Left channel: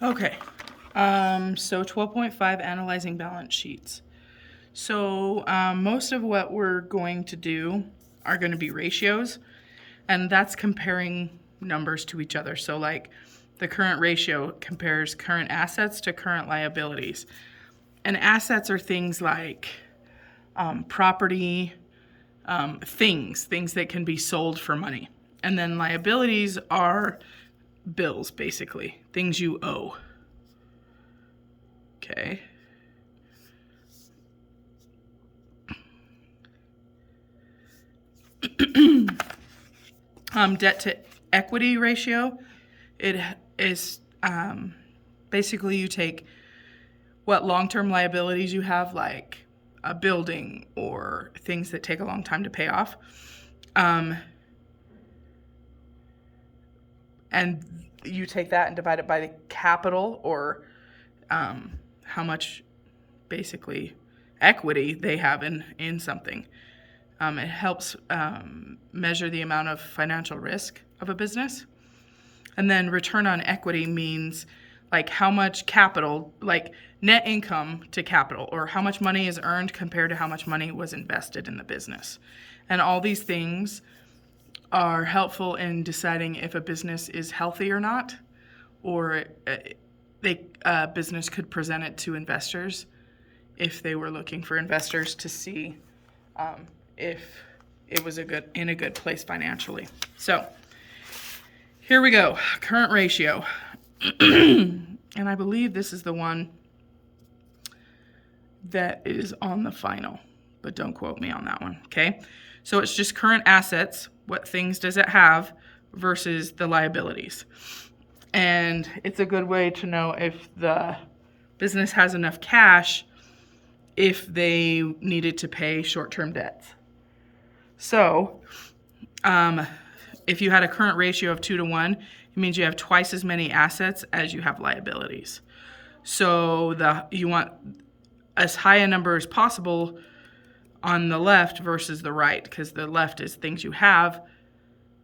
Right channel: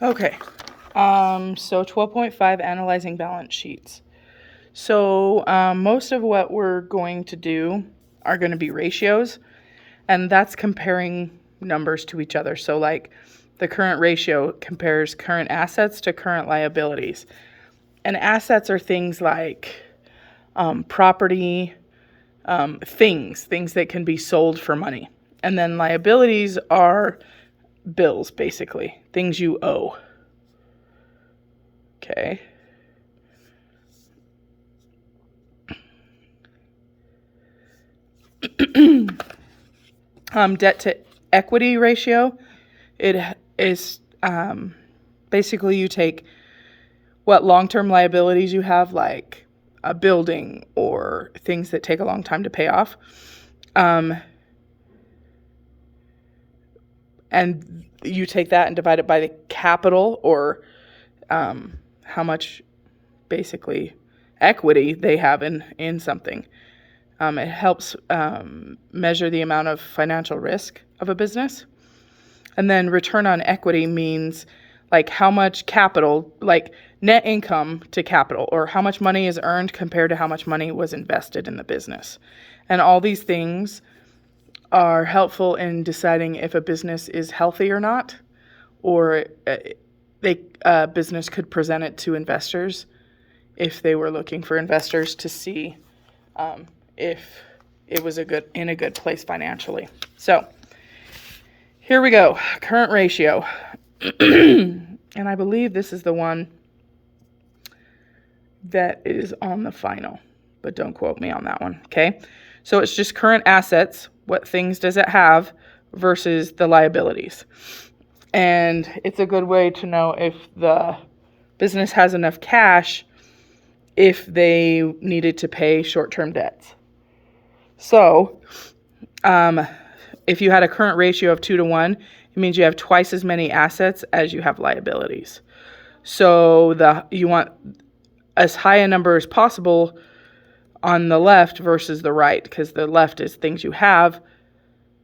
Okay. So 12.5, analyzing balance sheets. So most of what we're going to do are going to be ratios, and that's comparing numbers to each other. So like the current ratio compares current assets to current liabilities. And assets are things like property, things that can be sold for money. And then liabilities are bills, basically, things you owe. Okay. Debt to equity ratio, it is basically you take what long-term liabilities you have, like a building or things that take a long time to pay off, and you take that and divide it by the capital, or how much basically equity they have in something. It helps measure the amount of financial risk of a business. And then return on equity means like how much capital, like net income to capital, or how much money is earned compared to how much money was invested in the business. And all these things are helpful in deciding if a business is healthy or not, or a business could present it to investors if they were looking for investors to see if it was in a good place financially. So here we go, current ratio. And I believe this is the one that is on the final, but don't quote me on that one, okay? So it's just current assets, what things does it have, versus the liabilities. And it's a good way to know if the business has enough cash if they needed to pay short-term debts. So if you had a current ratio of 2-1, it means you have twice as many assets as you have liabilities. So you want as high a number as possible on the left versus the right, because the left is things you have,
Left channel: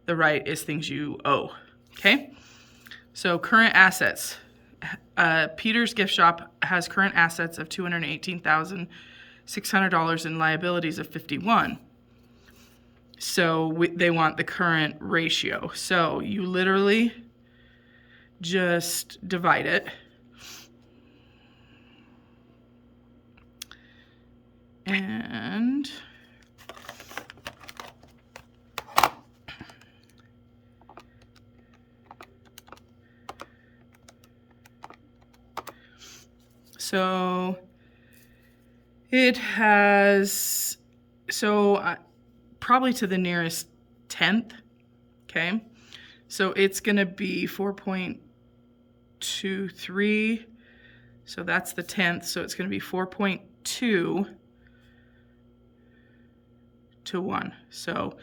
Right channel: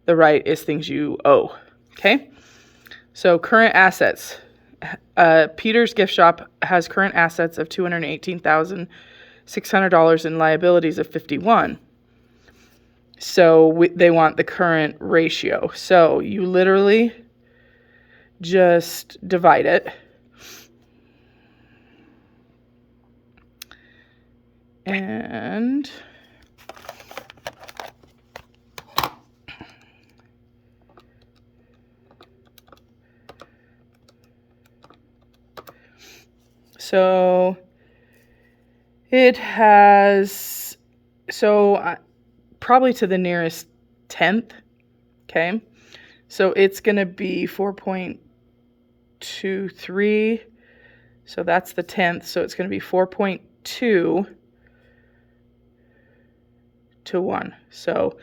the right is things you owe. Okay? So current assets. Peter's Gift Shop has current assets of $218,600 and liabilities of $51,000. So they want the current ratio. So you literally just divide it. And so it has, probably to the nearest tenth, okay? So it's going to be 4.23, so that's the tenth, so it's going to be 4.2 to 1. So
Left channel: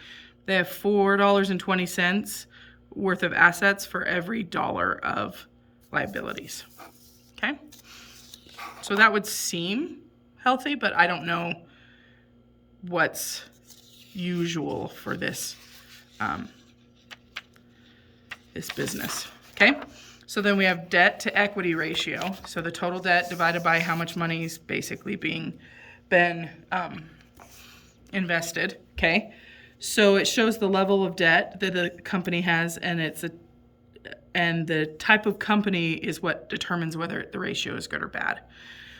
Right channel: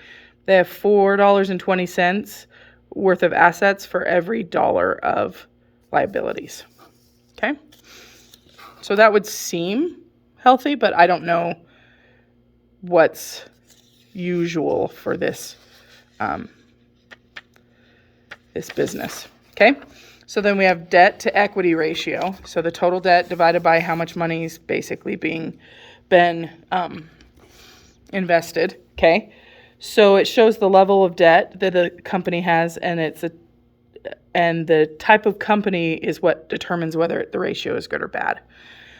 they have $4.20 worth of assets for every dollar of liabilities. Okay? So that would seem healthy, but I don't know what's usual for this this business. Okay? So then we have debt to equity ratio. So the total debt divided by how much money is basically been invested. Okay? So it shows the level of debt that a company has, and and the type of company is what determines whether the ratio is good or bad.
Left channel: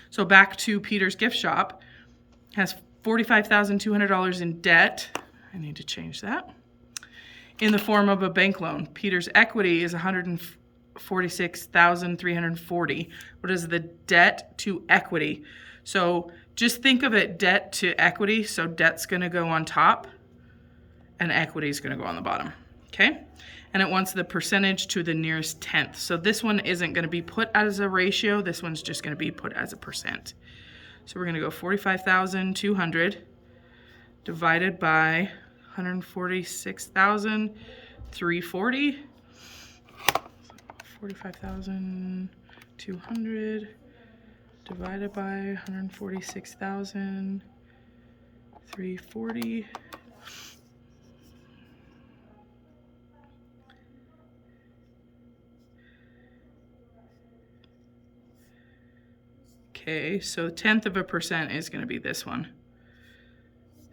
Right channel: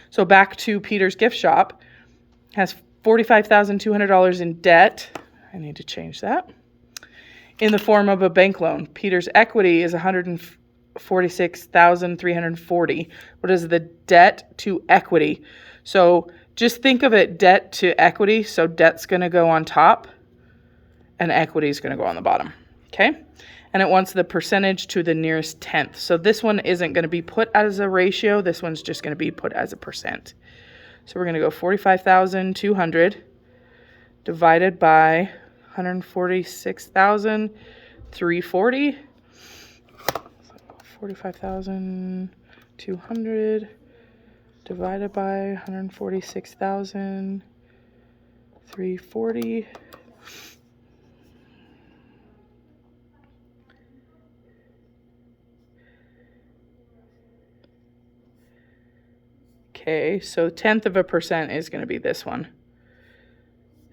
So back to Peter's Gift Shop, has $45,200 in debt. I need to change that. In the form of a bank loan. Peter's equity is $146,340. What is the debt to equity? So just think of it debt to equity. So debt's going to go on top and equity is going to go on the bottom. Okay? And it wants the percentage to the nearest tenth. So this one isn't going to be put as a ratio. This one's just going to be put as a percent. So we're going to go 45,200 divided by 146,340. 45,200 divided by 146,340. Okay, so 0.1% is going to be this one.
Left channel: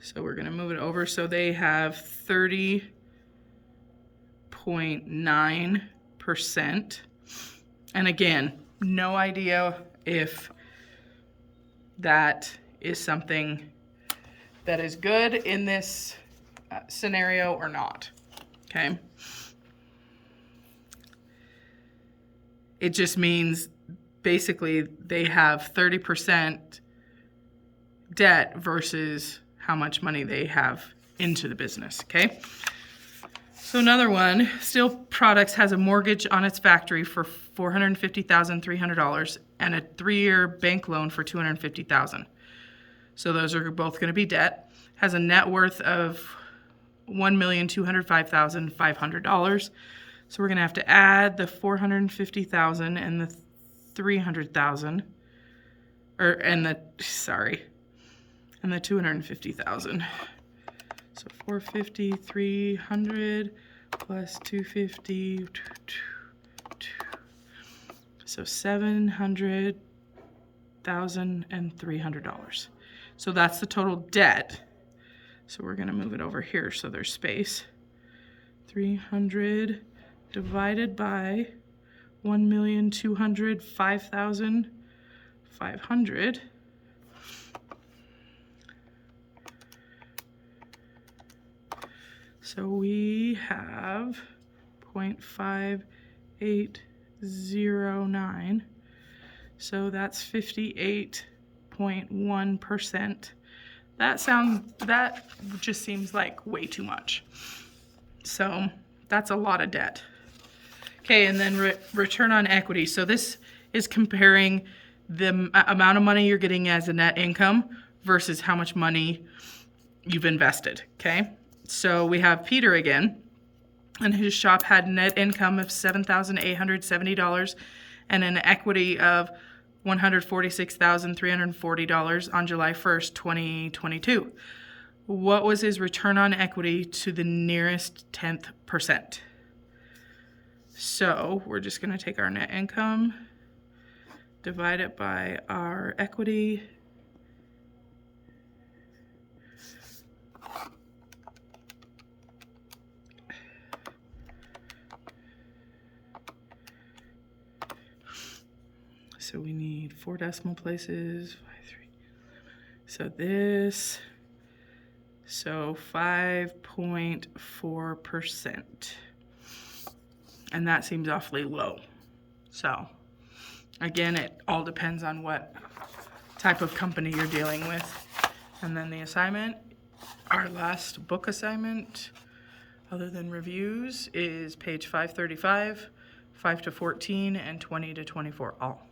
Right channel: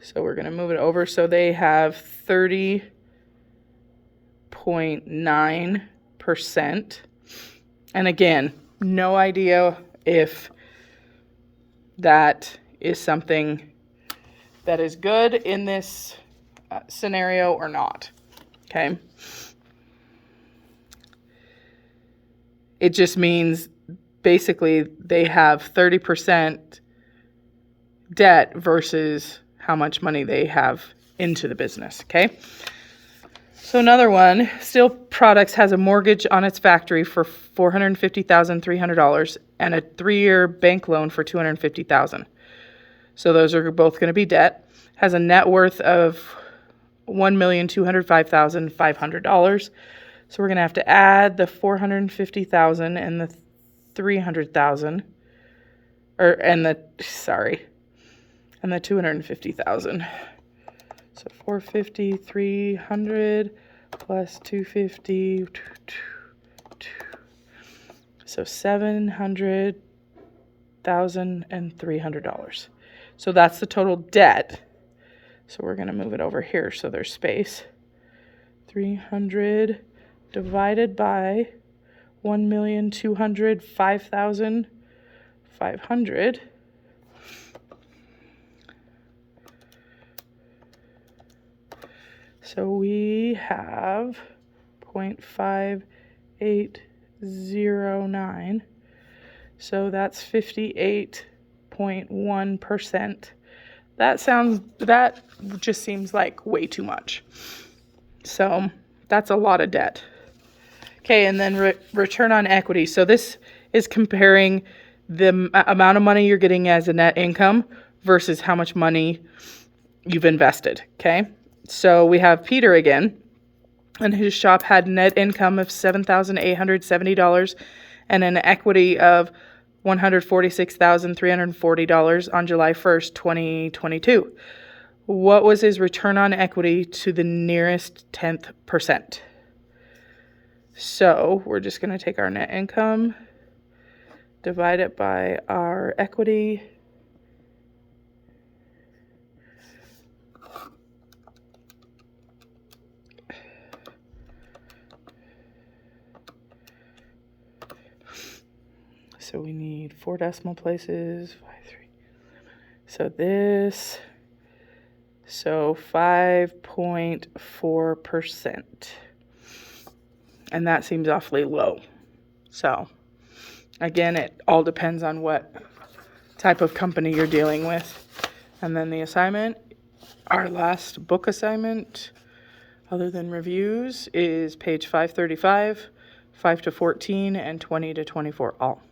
So we're going to move it over. So they have 30.9%. And again, no idea if that is something that is good in this scenario or not. Okay. It just means basically they have 30% debt versus how much money they have into the business. Okay. So another one, Steel Products has a mortgage on its factory for $450,300 and a 3-year bank loan for $250,000. So those are both going to be debt. Has a net worth of $1,205,500. So we're going to have to add the $450,000 and the $300,000, and the $250,000. So 450, 300 plus 250, so $700,300. So that's the total debt. So we're going to move it over here so there's space. 300 divided by 1,205,500. So we have 0.5809. So that's 58.1%. That just seems like way too much. So that's a lot of debt. Okay, and then return on equity. So this is comparing the amount of money you're getting as a net income versus how much money you've invested. Okay, so we have Peter again, and his shop had net income of $7,870 and an equity of $146,340 on July 1st, 2022. What was his return on equity to the nearest 10th percent? So we're just going to take our net income, divide it by our equity. So we need 4 decimal places. 5, 3. So this, so 5.4%. And that seems awfully low. So again, it all depends on what type of company you're dealing with. And then the assignment, our last book assignment, other than reviews, is page 535, 5 to 14, and 20 to 24 all.